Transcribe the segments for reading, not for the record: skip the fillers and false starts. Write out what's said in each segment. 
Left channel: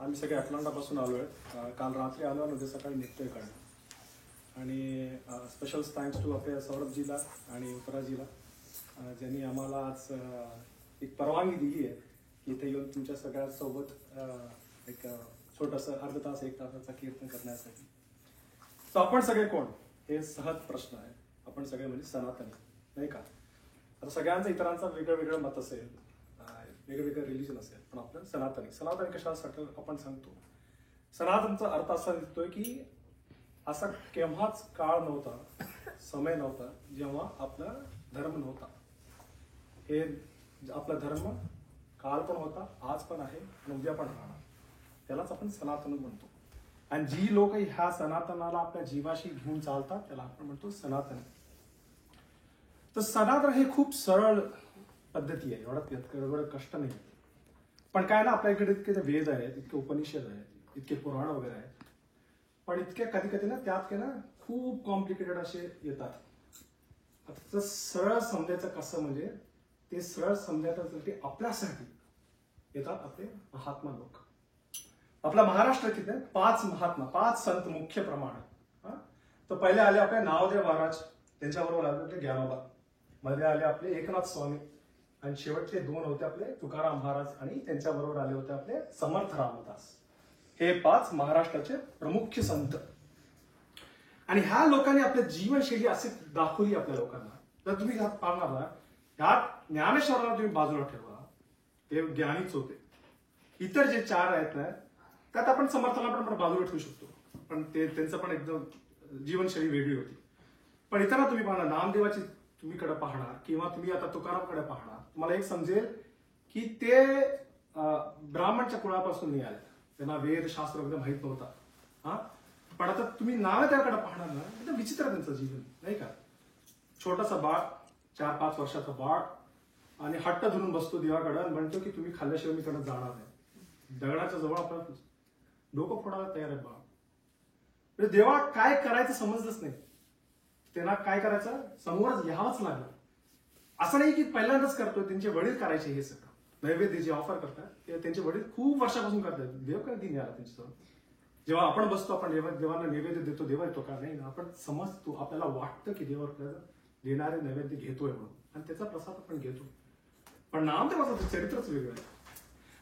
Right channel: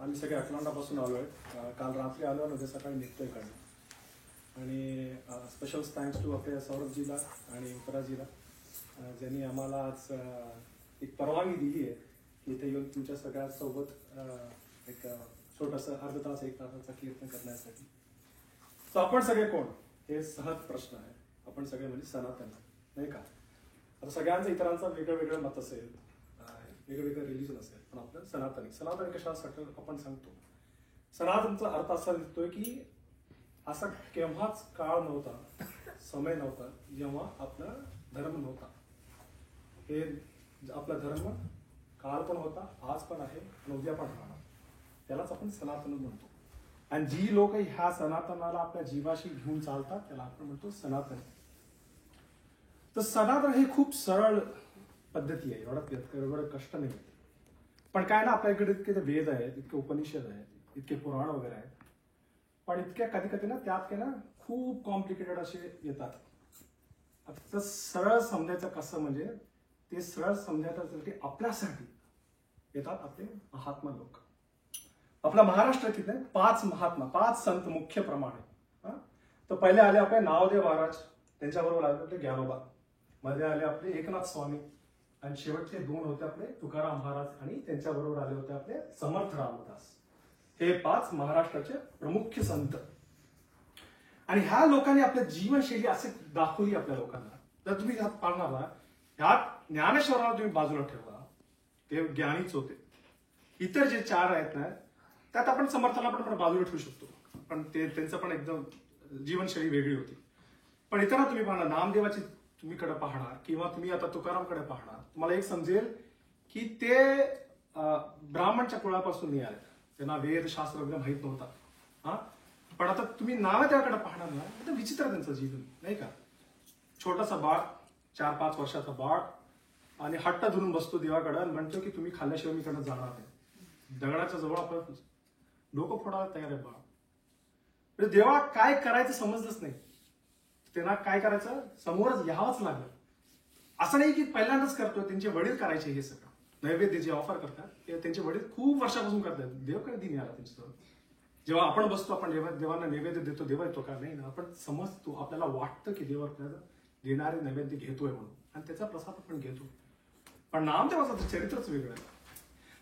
आम्ही सगळे अटलांटापासून आलो आहे. काल रात्री आलो आणि उद्या सकाळी निघतोय इकडनं. आणि स्पेशल थँक्स टू आपल्या सौरभजीला आणि उत्तराजीला ज्यांनी आम्हाला आज एक परवानगी दिली आहे की इथे येऊन तुमच्या सगळ्यांसोबत एक छोटंसं अर्धा तास एक तासाचा कीर्तन करण्यासाठी. तर आपण सगळे कोण हे सहज प्रश्न आहे. आपण सगळे म्हणजे सनातनी नाही का. आता सगळ्यांचं इतरांचं वेगळं वेगळं मत असेल, वेगवेगळं रिलिजन असेल, पण आपलं सनातनी सनातनी कशासाठी आपण सांगतो. सनातनचा अर्थ असा दिसतोय की असा केव्हाच काळ नव्हता, समय नव्हता जेव्हा आपला धर्म नव्हता. हे आपला धर्म काळ पण होता, आज पण आहे आणि उद्या पण राहणार. त्यालाच आपण सनातन म्हणतो. आणि जी लोक ह्या सनातनाला आपल्या जीवाशी घेऊन चालतात त्याला आपण म्हणतो सनातन. तर सनातन हे खूप सरळ पद्धती आहे, एवढं कष्ट नाही. पण काय ना, आपल्या इकडे इतके वेद आहेत, इतके उपनिषद आहेत, इतके पुराण वगैरे आहेत, पण इतके कधी कधी ना त्यात ना खूप कॉम्प्लिकेटेड असे येतात. आता तर सरळ समजायचं कसं, म्हणजे ते सरळ समजायसाठी आपल्यासाठी येतात आपले महात्मा लोक. आपला महाराष्ट्र किती आहे, 5 महात्मा, 5 संत मुख्य प्रमाण. तर पहिले आले आपले नामदेव महाराज, त्यांच्याबरोबर आले आपले ज्ञानोबा, मध्ये आले आपले एकनाथ स्वामी, आणि शेवटचे 2 होते आपले तुकाराम महाराज, आणि त्यांच्याबरोबर आले होते आपले समर्थ रामदास. हे 5 महाराष्ट्राचे प्रमुख संत. आणि ह्या लोकांनी आपल्या जीवनशैली असे दाखवली आपल्या लोकांना. तर तुम्ही ह्यात पाहणार, ह्यात ज्ञानेश्वराला तुम्ही बाजूला ठेवा, ते ज्ञानीच होते. इतर जे 4 आहेत ना, त्यात आपण समर्थाला पण बाजूला ठेवू शकतो, पण त्यांचं पण एकदम जीवनशैली वेगळी होती. पण इतरांना तुम्ही पाहणार, नामदेवाची तुम्ही कडे पाहणार किंवा तुम्ही आता तुकारामकडे पाहणार, तुम्हाला एक समजेल की ते ब्राह्मणच्या कुळापासून नाही आले. त्यांना वेद शास्त्र वगैरे माहित नव्हता. पण आता तुम्ही नामदेवाकडे पाहणार ना, एकदम विचित्र त्यांचं जीवन नाही का. छोटासा बाळ, 4-5 वर्षाचा बाळ, आणि हट्ट धरून बसतो देवाकडे आणि म्हणतो की तुम्ही खाल्ल्याशिवाय मी कडे जाणार नाही. दगडाच्या जवळ आपण डोकं फोडायला तयार आहे बाळ. म्हणजे देवा काय करायचं समजलंच नाही. त्यांना काय करायचं, समोरच यावंच लागलं. असं नाही की पहिल्यांदाच करतोय, त्यांचे वडील करायचे हे सगळं. नैवेद्य जे ऑफर करतात ते त्यांचे वडील खूप वर्षापासून करतात. देव कधी मिळाला त्यांच्यासमोर. जेव्हा आपण बसतो, आपण देवांना नैवेद्य देतो, देव येतो का नाही ना, आपण समजतो, आपल्याला वाटतं की देव आपल्याला देणारे नैवेद्य घेतोय म्हणून, आणि त्याचा प्रसाद आपण घेतो. पण नामदेवाचं चरित्रच वेगळं आहे.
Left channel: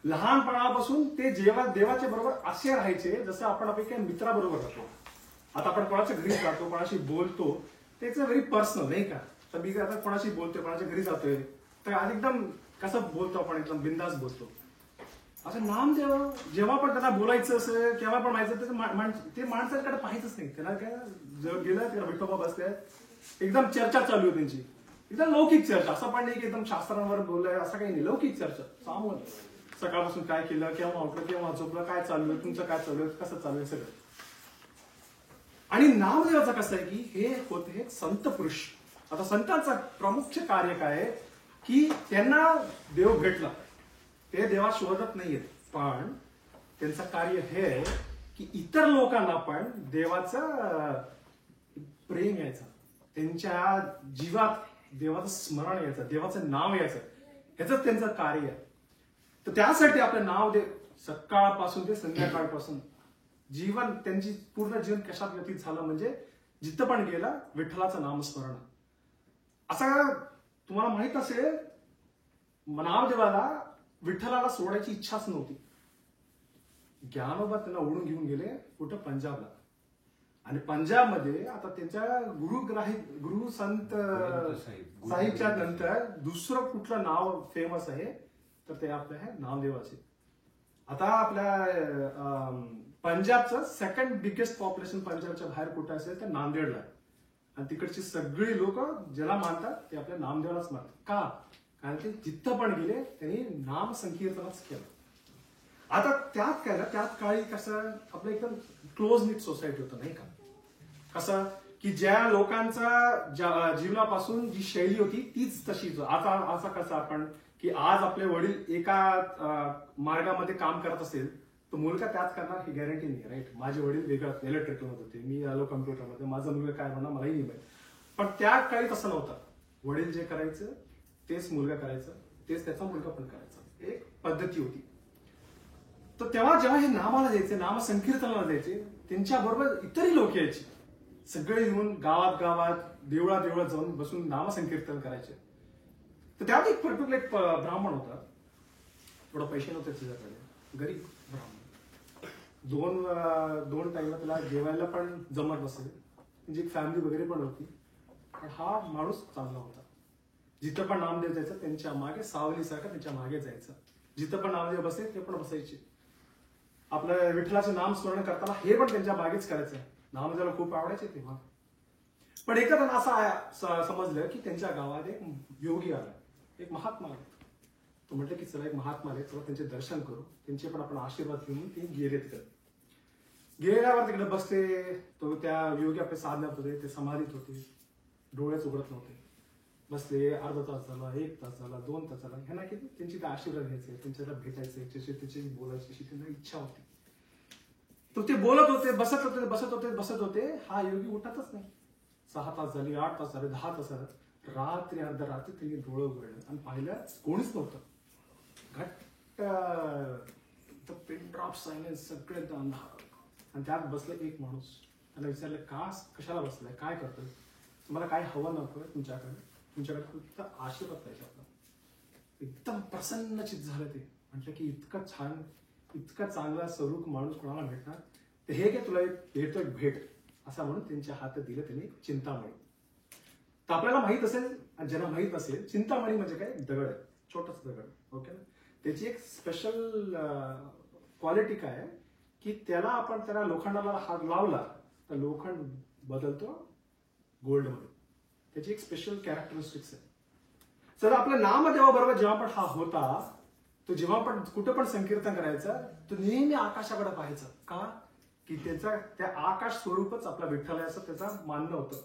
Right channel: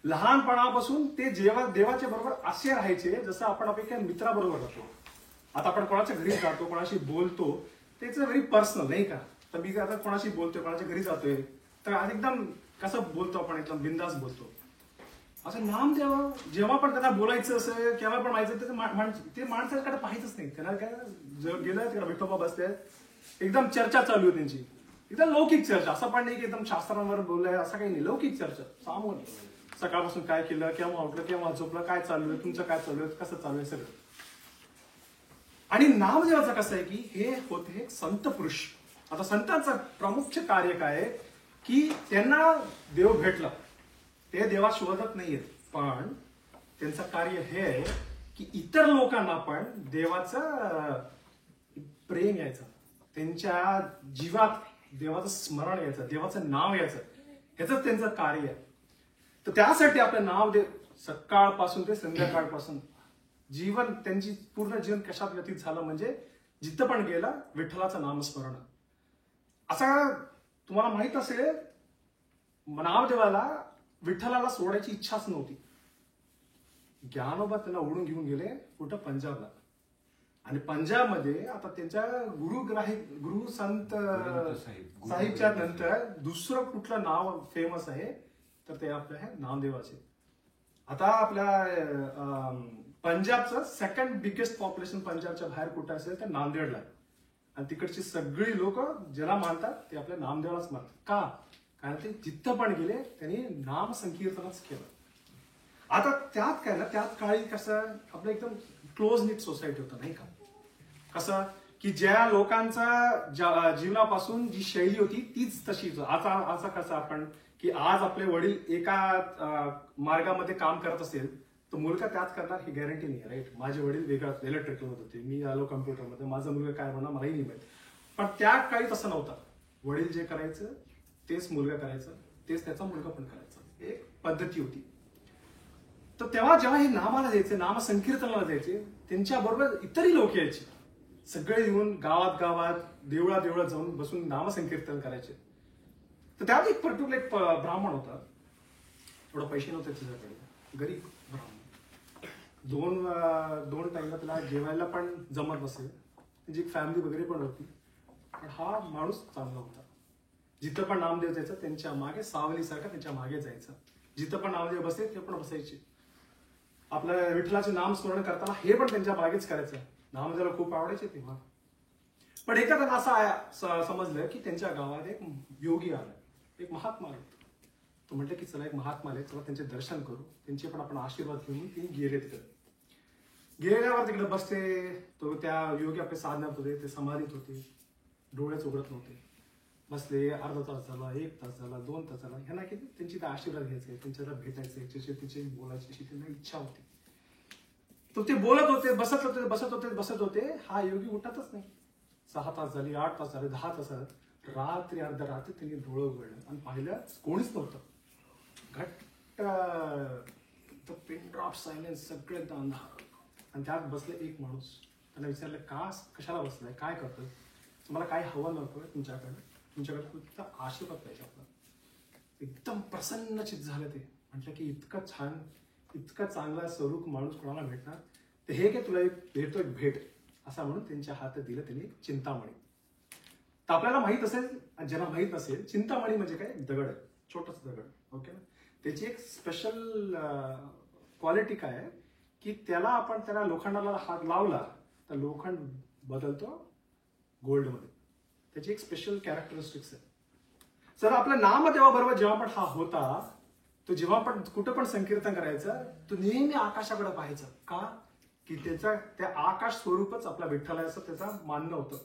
लहानपणापासून ते देवाच्या बरोबर असे राहायचे जसं आपण आपल्या मित्राबरोबर राहतो. आता आपण कोणाच्या घरी जातो, कोणाशी बोलतो, त्याचं व्हेरी पर्सनल नाही का. तर मी आता कोणाशी बोलतोय, कोणाच्या घरी जातोय, तर एकदम कसं बोलतो आपण, एकदम बिंदास बोलतो. असं नामदेव जेव्हा पण त्यांना बोलायचं असेल, केव्हा पण माहिती, ते माणसाकडे पाहायचंच नाही. त्यांना काय जर गेलं, त्याला विठोबा बसले, एकदम चर्चा चालू आहे त्यांची, एकदम लौकिक चर्चा. असं पण नाही की एकदम शास्त्रांवर बोललाय, असं काही नाही. लौकिक चर्चा सामोर, सकाळपासून काय केलं, केव्हा उठलं, केव्हा झोपलं, काय चालू आहे, तुमचं काय चालू आहे, कसं चालू आहे सगळं. आणि नामदेवाचं कसं आहे की हे होते संत पुरुष. आता संतांचं प्रमुख कार्य काय आहे की त्यांना देव भेटला, ते देवा शोधत नाहीयेत, पण त्यांचं कार्य हे आहे की इतर लोकांना पण देवाचं प्रेम यायचं, त्यांच्या जीवात देवाचं स्मरण यायचं, देवाचं नाव यायचं, ह्याच त्यांचं कार्य आहे. तर त्यासाठी आपलं नाव देव सकाळपासून ते संध्याकाळपासून जीवन, त्यांची पूर्ण जीवन कशात व्यतीत झालं, म्हणजे जिथं पण गेला विठ्ठलाचं नामस्मरण. असा तुम्हाला माहित असेल, नामदेवाला विठ्ठलाला सोडायची इच्छाच नव्हती. ज्ञानोबा त्यांना ओढून घेऊन गेले कुठं, पंजाबला. आणि पंजाबमध्ये आता त्यांच्या गुरु संत साहिबच्या नंतर दुसरं कुठलं नाव फेमस आहे, तर ते आपलं आहे नामदेवाचे. आता आपल्या पंजाबचं 2nd बिगेस्ट पॉप्युलेशन पंजाबच्या बाहेर कुठं असेल तर नांदेडला. आणि तिकडची सगळी लोक ज्याला मानतात ते आपल्या नामदेवालाच मानतात. का? कारण ते जिथं पण गेले त्यांनी नाम संकीर्तनच केलं. आता त्यात काय ना, त्यात काळी कसं आपलं एकदम क्लोज निट सोसायटी होतं नाही का. कसं की ज्या लोकांचा जीवनापासून जी शैली होती तीच तशीच. आता कसं आपण की आज आपले वडील एका मार्गामध्ये काम करत असेल तर मुलगा त्यात करणार ही गॅरंटी नाही, राईट. माझे वडील वेगळं इलेक्ट्रिकलमध्ये होते, मी आलो कम्प्युटरमध्ये, माझा मुलगा काय म्हणणार मलाही नाही माहित. पण त्या काळी तसं नव्हतं. वडील जे करायचं तेच मुलगा करायचं, तेच त्याचा मुलगा पण करायचा, एक पद्धती होती. तर तेव्हा जेव्हा हे नामाला द्यायचे, नाम संकीर्तनाला द्यायचे, त्यांच्याबरोबर इतरही लोक यायचे. सगळे येऊन गावात देवळात जाऊन बसून नामसंकीर्तन करायचे. तर त्यात एक पर्टिक्युलर एक ब्राह्मण होता. थोडा पैसे नव्हते त्याच्याकडे, गरीब ब्राह्मण. दोन टाइमला त्याला जेवायला पण जमत नसेल, त्याची एक फॅमिली वगैरे पण होती. पण हा माणूस चांगला होता. जिथं पण नामदेव जायचं त्यांच्या मागे, सावलीसारखं त्यांच्या मागे जायचं. जिथं पण नामदेव बसले ते पण बसायचे. आपलं विठ्ठलाचे नाम स्मरण करताना हे पण त्यांच्या मागेच करायचं. नामदेवाला खूप आवडायचे तेव्हा. पण एका त्यांना असं समजलं की त्यांच्या गावात एक योगी आला, एक महात्मा आला. तो म्हटलं की चला एक महात्मा आले, चला त्यांचे दर्शन करू, त्यांचे पण आपण आशीर्वाद घेऊन. ते गेले तिकडे. गेल्यावर तिकडे बसले. तो त्या योगी आपल्या साधण्यात होते, ते समाधीत होते, डोळ्याच उघडत नव्हते. बसले. अर्धा तास झाला, 1 तास झाला, 2 तास झाला. ह्यांना किती त्यांची आशीर्वाद घ्यायचे, त्यांच्याला भेटायचे, त्याच्याशी बोलायची अशी त्यांना इच्छा होती. तो ते बोलत होते, बसत होते. हा योगी उठतच नाही. 6 तास झाली, 8 तास झाले, 10 तास झाले. रात्री अर्ध्या रात्री त्यांनी डोळं उघडलं आणि पाहिलं कोणीच नव्हतं. घट्ट पिन ड्रॉप सायलेन्स, सगळं एकदम अंधार. आणि त्यात बसलं एक माणूस. त्यांना विचारलं कशाला बसलाय, काय करतोय, तुम्हाला काय हवं नकोय, तुमच्याकडे फक्त आशीर्वाद पाहिजे आपला. एकदम प्रसन्नचित झालं ते. म्हटलं की इतकं छान, इतकं चांगला स्वरूप माणूस कोणाला भेटणार. तर हे काय तुला भेटतो एक भेट, असं म्हणून त्यांच्या हातात दिलं त्यांनी चिंतामणी. तर आपल्याला माहित असेल, ज्यांना माहित नसेल, चिंतामणी म्हणजे काय, दगड, छोटस दगड. ओके ना. त्याची एक स्पेशल क्वालिटी काय आहे की त्याला लोखंडाला हात लावला तर लोखंड बदलतो गोल्डमध्ये. त्याची एक स्पेशल कॅरेक्टरिस्टिक्स आहे. सर आपल्या नामदेवाबरोबर जेव्हा पण हा होता, तो जेव्हा पण कुठं पण संकीर्तन करायचं, तो नेहमी आकाशाकडे पाहायचा. का की त्या आकाश स्वरूपच आपला विठ्ठलाचं त्याचा मान्य होतं.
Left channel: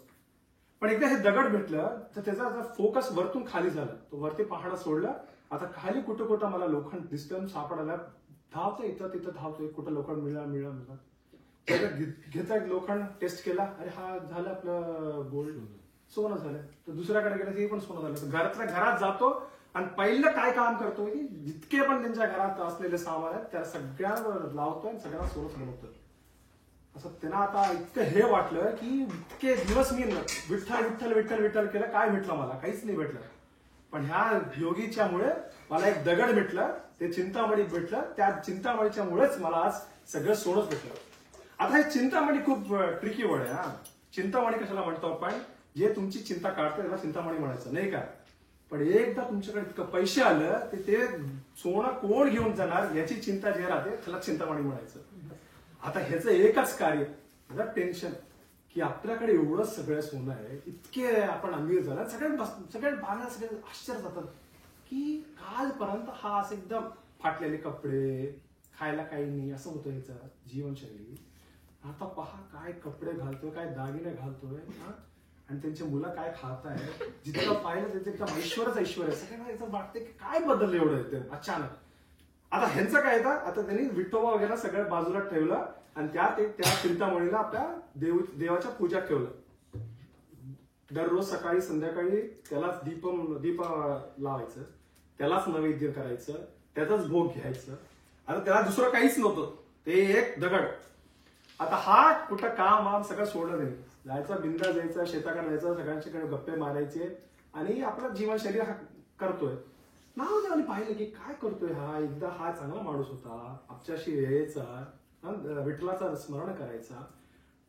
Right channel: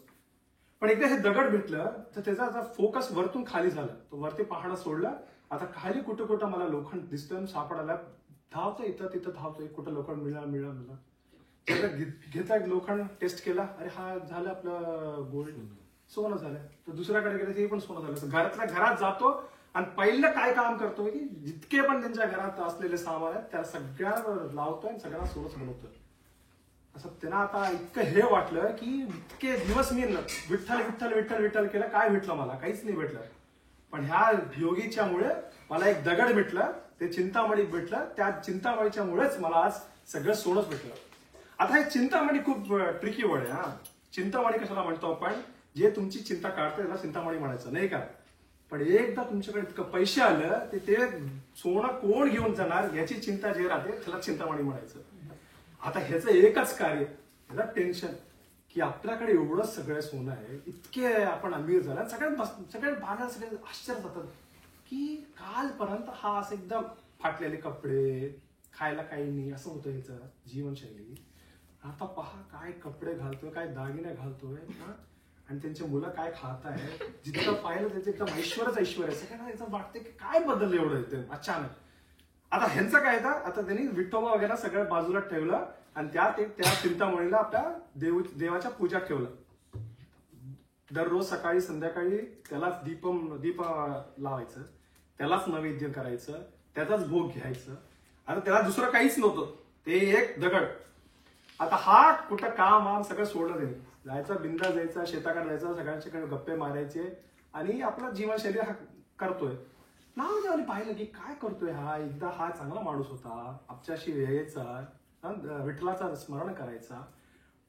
पण एकदा हे दगड भेटलं तर त्याचा फोकस वरतून खाली झाला. तो वरती पाहणं सोडलं. आता खाली कुठं मला लोखंड दिसतं, सापडायला धावतोय, इथं तिथं धावतोय, कुठं लोखंड मिळालं. घेता लोखंड टेस्ट केला, अरे हा झालं आपलं गोल्ड, सोनं झालं. तर दुसऱ्याकडे गेलं ते पण सोनं झालं. घरातल्या घरात जातो आणि पहिलं काय काम करतो की जितके पण त्यांच्या घरात असलेले सामान आहेत त्याला सगळ्यांना लावतोय आणि सगळ्यांना सोनंच बनवतोय. असं त्यांना आता इतकं हे वाटलं की इतके दिवस मी विठ्ठल केलं, काय भेटलं मला, काहीच नाही भेटलं. पण ह्या योगीच्या मुळे मला एक दगड भेटलं, ते चिंतामणी भेटलं. त्या चिंतामणीच्या मुळेच मला आज सगळं सोनंच भेटलं. आता हे चिंतामणी खूप ट्रिकी वर्ड आहे. चिंतामणी कशाला म्हणतो आपण, जे तुमची चिंता काढते त्याला चिंतामणी म्हणायचं नाही का. पण एकदा तुमच्याकडे इतकं पैसे आलं ते सोनं कोण घेऊन जाणार याची चिंता जे राहते त्याला चिंतामणी म्हणायचं. आता ह्याचं एकच कार्य, ह्याचं टेन्शन की आपल्याकडे एवढं सगळं सोनं आहे, इतके आपण अमीर झाला. सगळ्या बागा सगळे आश्चर्य जातात की कालपर्यंत हा असं एकदम फाटलेले कपडे, खायला काही नाही, असं होतं ह्याचं जीवनशैली. आता पहा काय कपडे घालतोय, काय दागिने घालतोय, आणि त्यांची मुलं काय खात आहेत. जितकं पाहिलं त्याचं एकदम ऐश्वर. सगळ्यांना याचं वाटतं की काय बदललं एवढं एकदम अचानक. आता ह्यांचं काय था, आता त्यांनी विठोबा वगैरे सगळं बाजूला ठेवलं आणि त्या चिंतामणीला आपल्या देवाच्या पूजा ठेवलं. दररोज सकाळी संध्याकाळी त्यालाच दीप लावायचं, त्यालाच नैवेद्य करायचं, त्याचाच भोग घ्यायचं. आता त्याला दुसरं काहीच नव्हतं, ते एक दगड. आता हा कुठं काम सगळं सोडलं त्यांनी. जायचा बिंदा जायचा, शेताकडे जायचा, सगळ्यांच्याकडे गप्पे मारायचे आणि आपला जीवनशैली हा करतोय. नामदेवाने पाहिलं की काय करतोय हा. एकदा हा चांगला माणूस होता, आपल्याशी यायचा, विठ्ठलाचा स्मरण करायचा.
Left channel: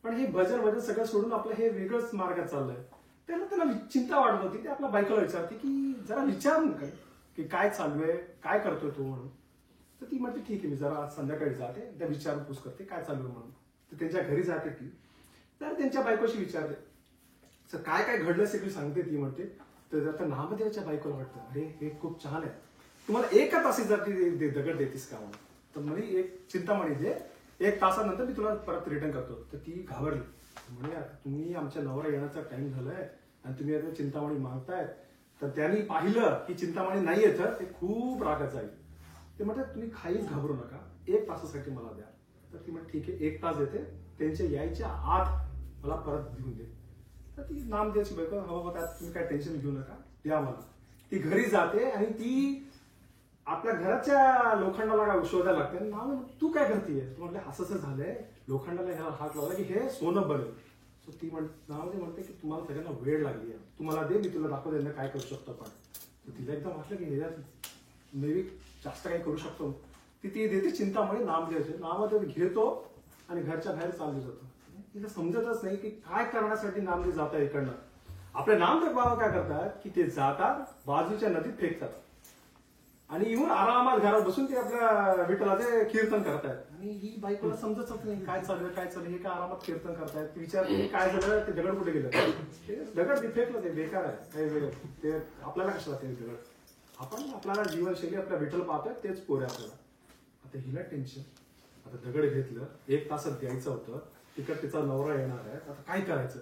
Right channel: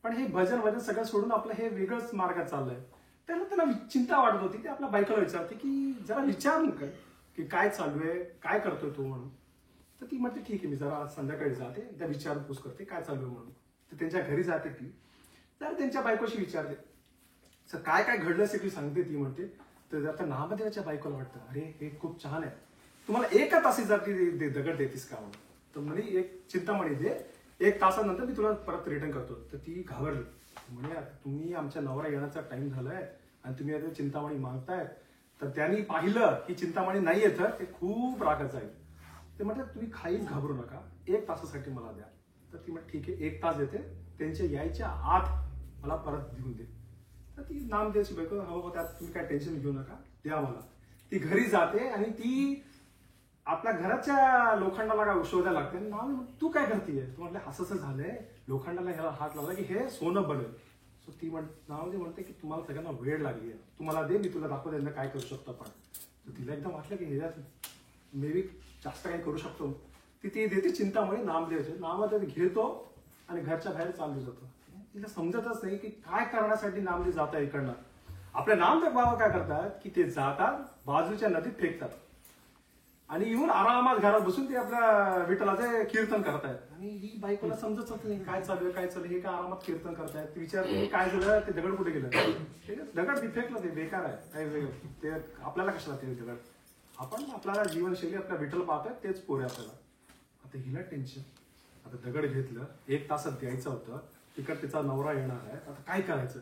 पण हे भजन सगळं सोडून आपलं हे वेगळंच मार्गात चाललंय. त्यांना चिंता वाटत होती. ते आपल्या बायकोला विचारते की जरा विचारून काय की काय चालू आहे, काय करतोय तो म्हणून. तर ती म्हणते ठीक आहे, मी जरा संध्याकाळी जाते, त्या विचारपूस करते काय चालू आहे म्हणून. तर त्यांच्या घरी जाते ती, तर त्यांच्या बायकोशी विचारते सर काय काय घडलं असेल ती सांगते. ती म्हणते तर आता नामदेवाच्या बायकोला वाटतं अरे हे खूप छान आहे, तुम्हाला 1 तासासाठी दगड देतीस का म्हणून. तर म्हणे एक चिंतामणी दे, 1 तासानंतर मी तुला परत रिटर्न करतो. तर ती घाबरली. म्हणे तुम्ही आमच्या नवरा येण्याचा टाइम झालाय आणि तुम्ही आता चिंतामणी मागतायत. तर त्यांनी पाहिलं की चिंतामणी नाही येत, ते खूप रागात जाईल. ते म्हणतात तुम्ही काहीच घाबरू नका, 1 तासासाठी मला द्या. तर ती म्हणते ठीक आहे, 1 तास देते, त्यांच्या यायच्या आत मला परत देऊन दे. तर ती नामदेवाची बायको, हो त्यात तुम्ही काय टेन्शन घेऊ नका, द्या मला. ती घरी जाते आणि ती आपल्या घराच्या लोखंडाला काय शोधायला लागते. नाव तू काय करतेय, तू म्हटलं असं झालंय, लोखंडाला ह्याला हात लावला की हे सोनं बनेल. सो ती नावदे म्हणते की तुम्हाला सगळ्यांना वेळ लागली आहे, तुम्हाला दे, मी तुला दाखवते काय करू शकतो आपण. तर तिला एकदम वाटलं की ह्याच्यात मे बी जास्त काही करू शकतो. ती देते चिंतामणी नामदेवाचे नाव घेतो आणि घरच्या बाहेर चालू जातो. तिला समजतच नाही की काय करण्यासाठी नामदेव जात आहे इकडनं. आपल्या नामदेव बाबा काय करतात की ते जातात बाजूच्या नदीत फेकतात आणि येऊन आरामात घरात बसून ते आपल्या विठ्ठलाचे कीर्तन करतायत. आणि ही बायकोला समजत नाही काय चालू आहे, हे काय आरामात कीर्तन करतायत. ती विचारते काय झालं, ते दगड कुठे गेलं. ते दगड ती फेकलं, ते बेकार आहे, काही वेगळं ते आपल्याला कशाला ते दगड. आपण आपल्याला जीवनशैली आपल्या विठ्ठल पाहतोय तेच पोरे आपल्याला. आता हिला टेन्शन, आता दगड घेतलं, 1 तासात द्यायचं होतं, तिकडे तिचा नवरा येणार आहे, आता काय करायचं.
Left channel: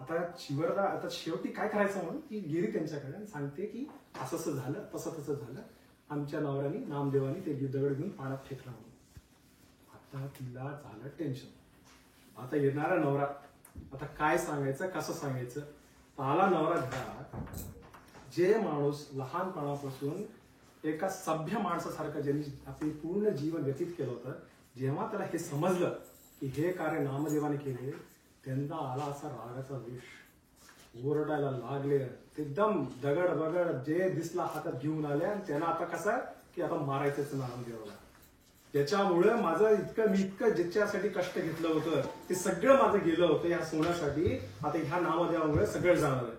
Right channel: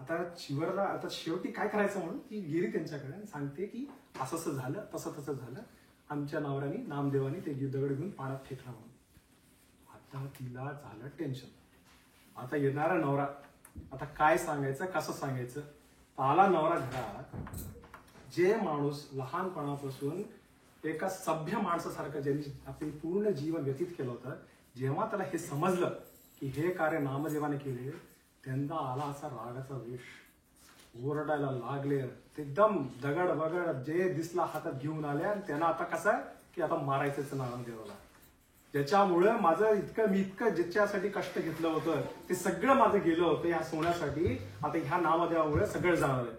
आता शेवटी काय करायचं म्हणून ती गेली त्यांच्याकडे आणि सांगते की असं झालं, तसं झालं, आमच्या नवऱ्याने नामदेवानी ते दगड घेऊन पाण्यात फेकला म्हणून. आता तिला झालं टेन्शन. आता येणारा नवरा, आता काय सांगायचं, कसं सांगायचं. आला नवरा घरात, जे माणूस लहानपणापासून एका सभ्य माणसासारखं ज्यांनी आपले पूर्ण जीवन व्यतीत केलं होतं, जेव्हा त्याला हे समजलं की हे कार्य नामदेवाने केले, त्यांना आला असा रागाचा वेश, ओरडायला लागले. एकदम दगड बगड जे दिसला हातात घेऊन आले आणि त्यांना आता कसं आहे की आता मारायचंच नामदेवाला. ज्याच्यामुळे मी इतकं ज्याच्यासाठी कष्ट घेतलं होतं ते सगळं माझं गेलं होतं ह्या सोन्यासाठी. आता ह्या नामदेवामुळे सगळं जाणार आहे.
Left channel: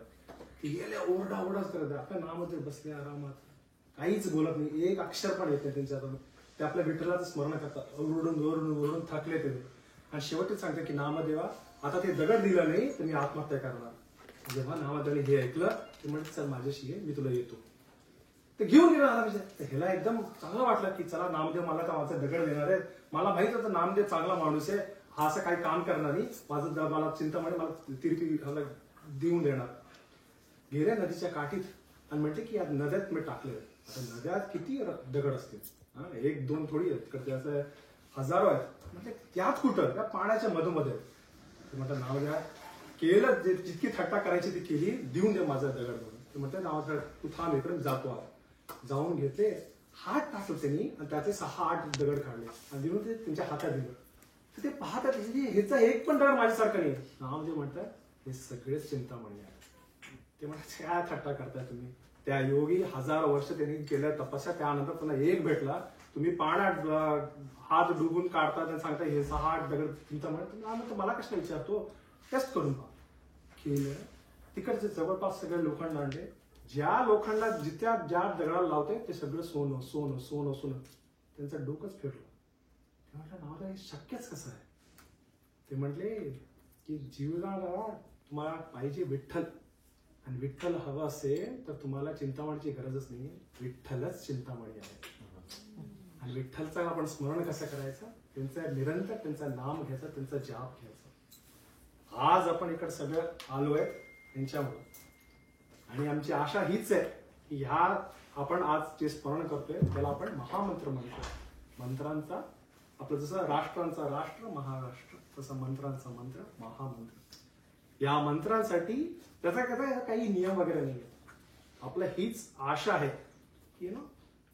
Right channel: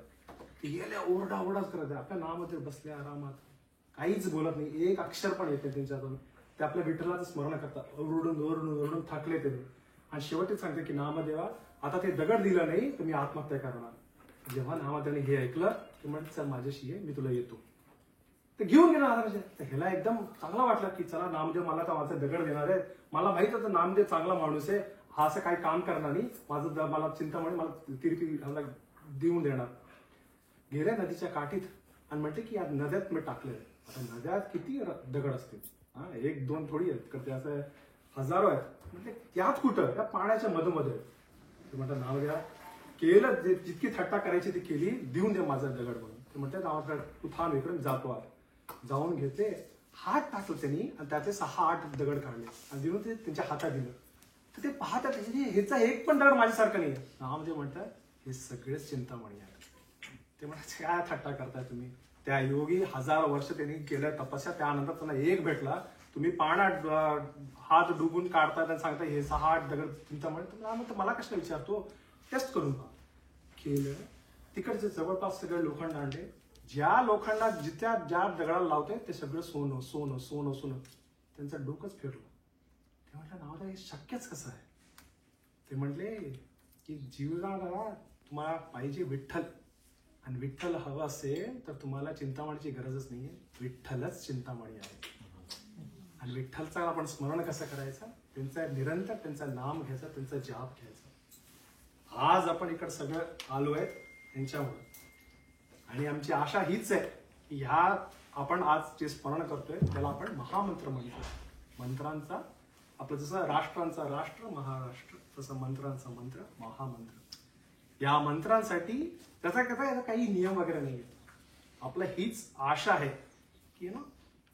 गेले ओरडाच करत. आपल्या नामदेव बसले आरामात, काहीच बोलत नाही, एक अक्षर पण येते त्यांच्यातून. ते आपल्या विठ्ठलाचं स्मरण करतात, ओरडून थकले ते. आणि शेवटी सांगते की नामदेवा आता ते दगड दिलं नाही तर मी आत्महत्या करणार. जेव्हा नामदेवाने हे ऐकलं ते म्हणते चल माझ्याशी ये, मी तुला येतो. ते घेऊन गेला आला विचार. तर ह्याला एकदम चांगलं वाटलं की चला नामदेव मला तर माझा दगड देणार आहे. मला माहित होतं नामदेव चांगला माणूस आहे, हा असं काही काम करणार नाही, मला चिंतामणी मला तिरपी देऊन देणार. गेल्या नदीच्या काठीत आणि म्हणते की या नद्यात मी टाकलंय. आता नद्यात किती दगड असतील, 1-2 थोडी आहेत, ते असं हजारो आहेत. म्हणजे त्यात कुठं त्या पाण्याच्या मधोमध्ये. म्हटलं नामदेवा केलं, जितकी थट्टा करायची ती केली, देऊन दे माझा दगड म्हणून. ते म्हणते नावाचा तू थांब इकडून जातो. जाऊन घेतले, हात टाकलं त्यांनी आणि त्याचे 6-8 दगड काढले आणि देऊन ते त्यांच्या हातात दिलं. तर ते पाहतात ह्याचा एक पण दगड माझ्यासारखं नाही. नामदेव म्हणतात हे सगळेच चिंतामणी आहेत. ते म्हणतात काय थट्टा करताय तुम्ही. त्या योगी 1000 वर्ष त्यांनी केलं तपस्या, त्यानंतर त्यांना एक भेटला, तुम्ही पाण्यात हात डुबून काढताय आणि सांगताय हे 6-8 दगड चिंतामणी. तुम्ही मला कशाला विचारतो, टेस्ट करून पहा. केलं, तिकडचे जवळपास सगळे लोखंड आणले. ज्या लोखंडात ज्या दगडाला लावते ते सगळं सोनं सोनं सोनं सोनं. त्यांचं डोकंच फिरलं. ते म्हटलं नाव हे शक्यच कसं आहे. ते म्हटले की जीवनाला तुम्हाला पाहिजे विठ्ठल, आणि विठ्ठल हवं असेल तर तुम्हाला चिंतामणीची गरजच नाहीये, विठ्ठलच चिंतामणी आहे. आणि विठ्ठलचं आपण स्मरण कसं करायचं, त्यांचं निरंतर त्यांचं नाम घ्यायचं, त्यांचा जाप घ्यायचा. आज आपण इकडे सगळं आलोय त्यांच्यामुळे. आणि आमची आशा हीच आहे की ह्या आपण आज जे स्मरण करतोय त्याला आपण महामंत्र म्हणतो. मंत्रांचा आपलं जसं राष्ट्रांचा राष्ट्र महाराष्ट्र, तसं मंत्रांचा मंत्र महामंत्र. या मंत्रांसाठी त्याचा काही नियम वगैरे नाहीये. आपलं हीच आशा आहे की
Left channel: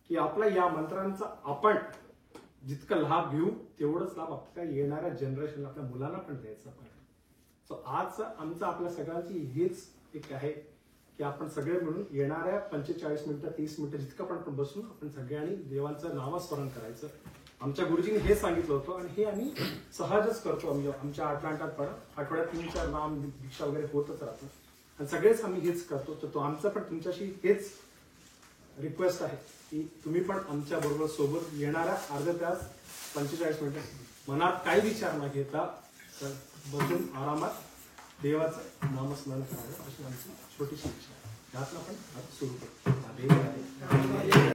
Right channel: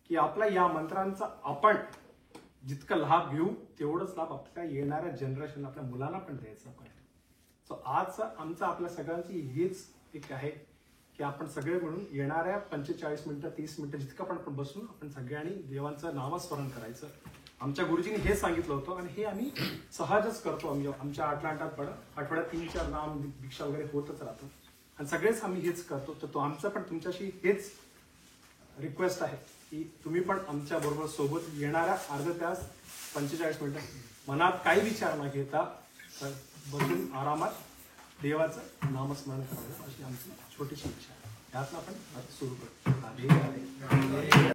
की आपला या मंत्रांचा आपण जितका लाभ घेऊ तेवढंच लाभ आपल्या येणाऱ्या जनरेशनला, आपल्या मुलांना पण द्यायचा पाहिजे. सो आज आमचं आपल्या सगळ्यांची हीच एक आहे की आपण सगळे मिळून येणाऱ्या 45 मिनिटं 30 मिनिटं जितकं पण आपण बसून आपण सगळ्यांनी देवांचं नामस्मरण करायचं. आमच्या गुरुजींनी हे सांगितलं होतं आणि हे आम्ही सहजच करतो. आमच्या आठवड्यात 3-4 नाम भिक्षा वगैरे होतच राहतो आणि सगळेच आम्ही हेच करतो. तर तो आमचं पण तुमच्याशी हेच रिक्वेस्ट आहे की तुम्ही पण आमच्या बरोबर सोबत येणाऱ्या अर्धा तास 45 मिनिटं मनात काही विचार न घेता बसून आरामात देवाचं नामस्मरण करावं, अशी आमची छोटीशी इच्छा आहे. त्यातनं आपण सुरू करतो.